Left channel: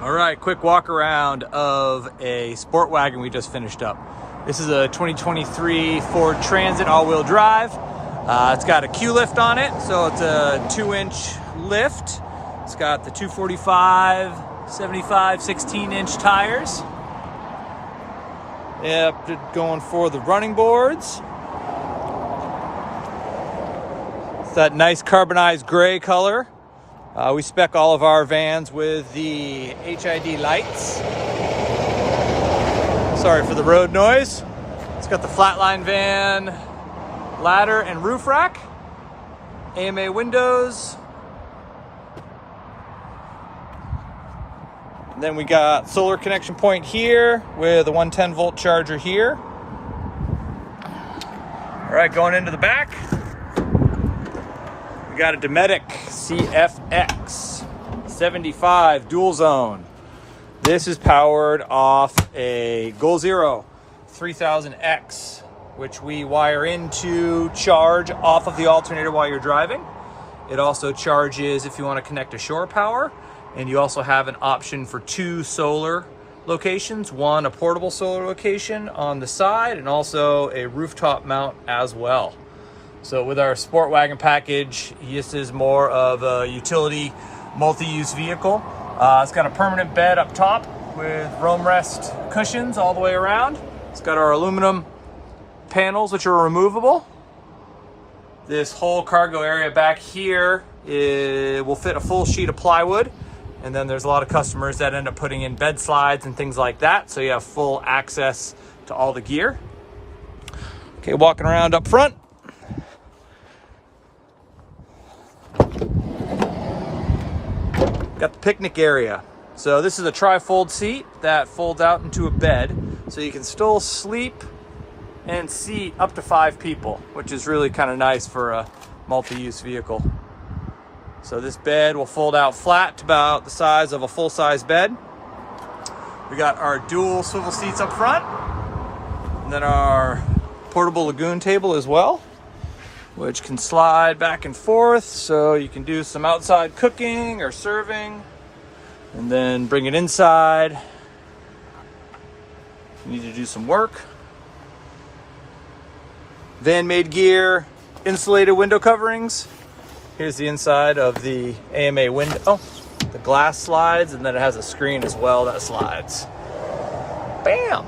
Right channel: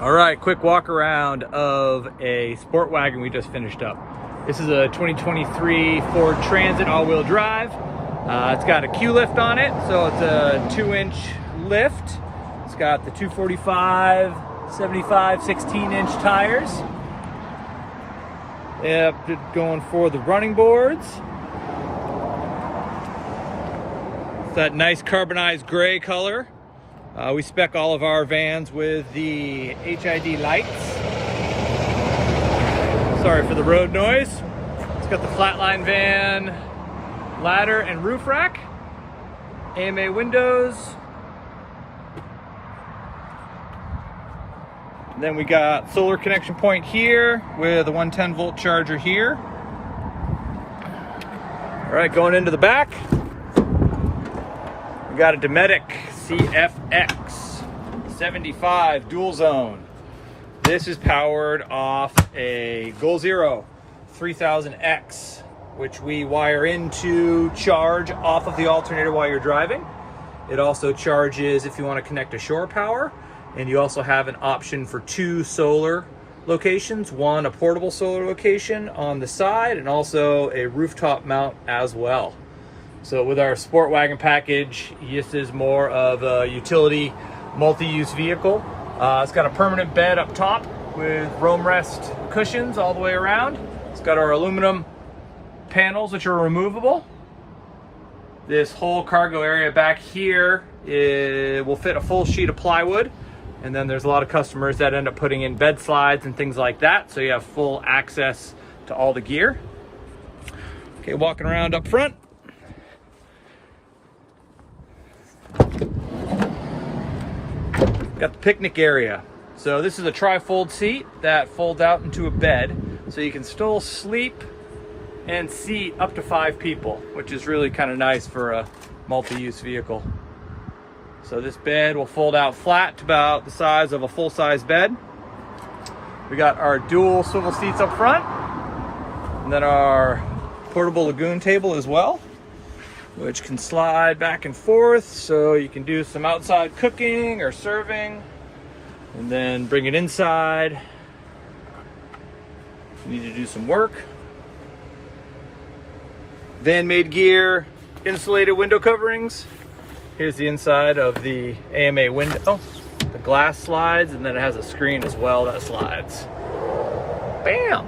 All right, quick walk around of a sport wagon we just finished up. This is a 2023 Ford Transit all-wheel drive. It's got a Q-lift on it, so it's a 2-inch lift. It's got the 245, 75, 16-inch tires. Yep, going for the running boards. It's that nice carbonized gray color. We spec all of our vans with the HID lights. Sorry for the road noise. It's got the Flatline van ladder and roof rack, AMA windows. And then we got solar connection point here with a 110 volt charger here. All right, going into the back. We got a Dometic CFX3 dual zone. This is powered off a Goal Zero 3000X, which we wire into charge off of the alternator while you're driving. It also charges if you want to connect to shore power, and you also have an option for 2 solar locations, one a portable solar location on the side and also a rooftop mount as well. So with our sport wagon package, this is more of a utility multi-use vehicle. It's got a permanent bed up top with roam rest cushions all the way around. It's got our aluminum panels, which are removable. This whole cargo area back here will fit a full sheet of plywood. And then there's a lot of customers that end up putting in bed slides and things like that. So you have full access to all the gear. Okay, walking around up front. Got the picnic area. So this is a tri-fold seat that folds out into a bed. So you can still sleep and seat up to 5 people, which is really kind of nice for a multi-use vehicle. So this bed will fold out flat to about the size of a full-size bed. We got our dual swivel seats up front, and then our portable lagoon table as well, which can slide back and forth so you can do some outside cooking or serving, and then bring it inside. You need to do some work. Van-made gear, insulated window coverings. Here's the inside of the AMA window. The glass slides, and then it has a screen as well that slides. Bam!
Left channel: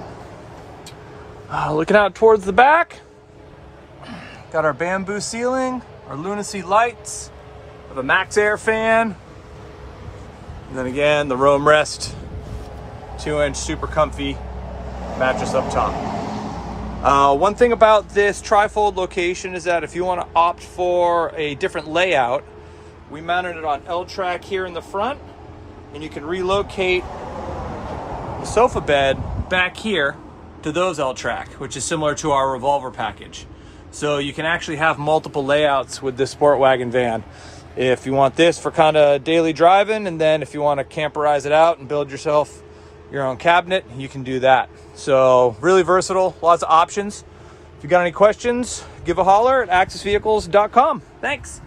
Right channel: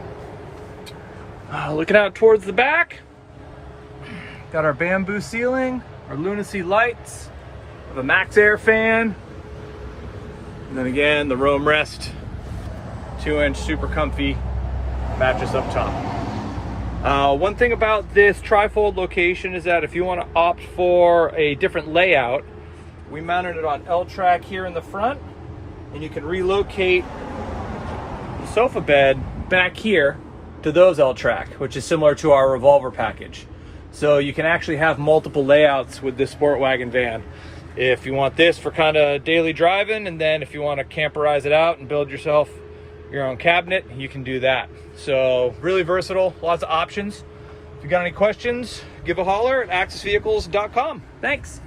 Looking out towards the back, got our bamboo ceiling, our lunacy lights, we have a max air fan, and then again the roam rest 2-inch super comfy mattress up top. One thing about this tri-fold location is that if you want to opt for a different layout, we mounted it on L-track here in the front, and you can relocate the sofa bed back here to those L-track, which is similar to our revolver package. So you can actually have multiple layouts with this sport wagon van. If you want this for kind of daily driving, and then if you want to camperize it out and build yourself your own cabinet, you can do that. So really versatile, lots of options. If you got any questions, give a holler at axisvehicles.com. Thanks.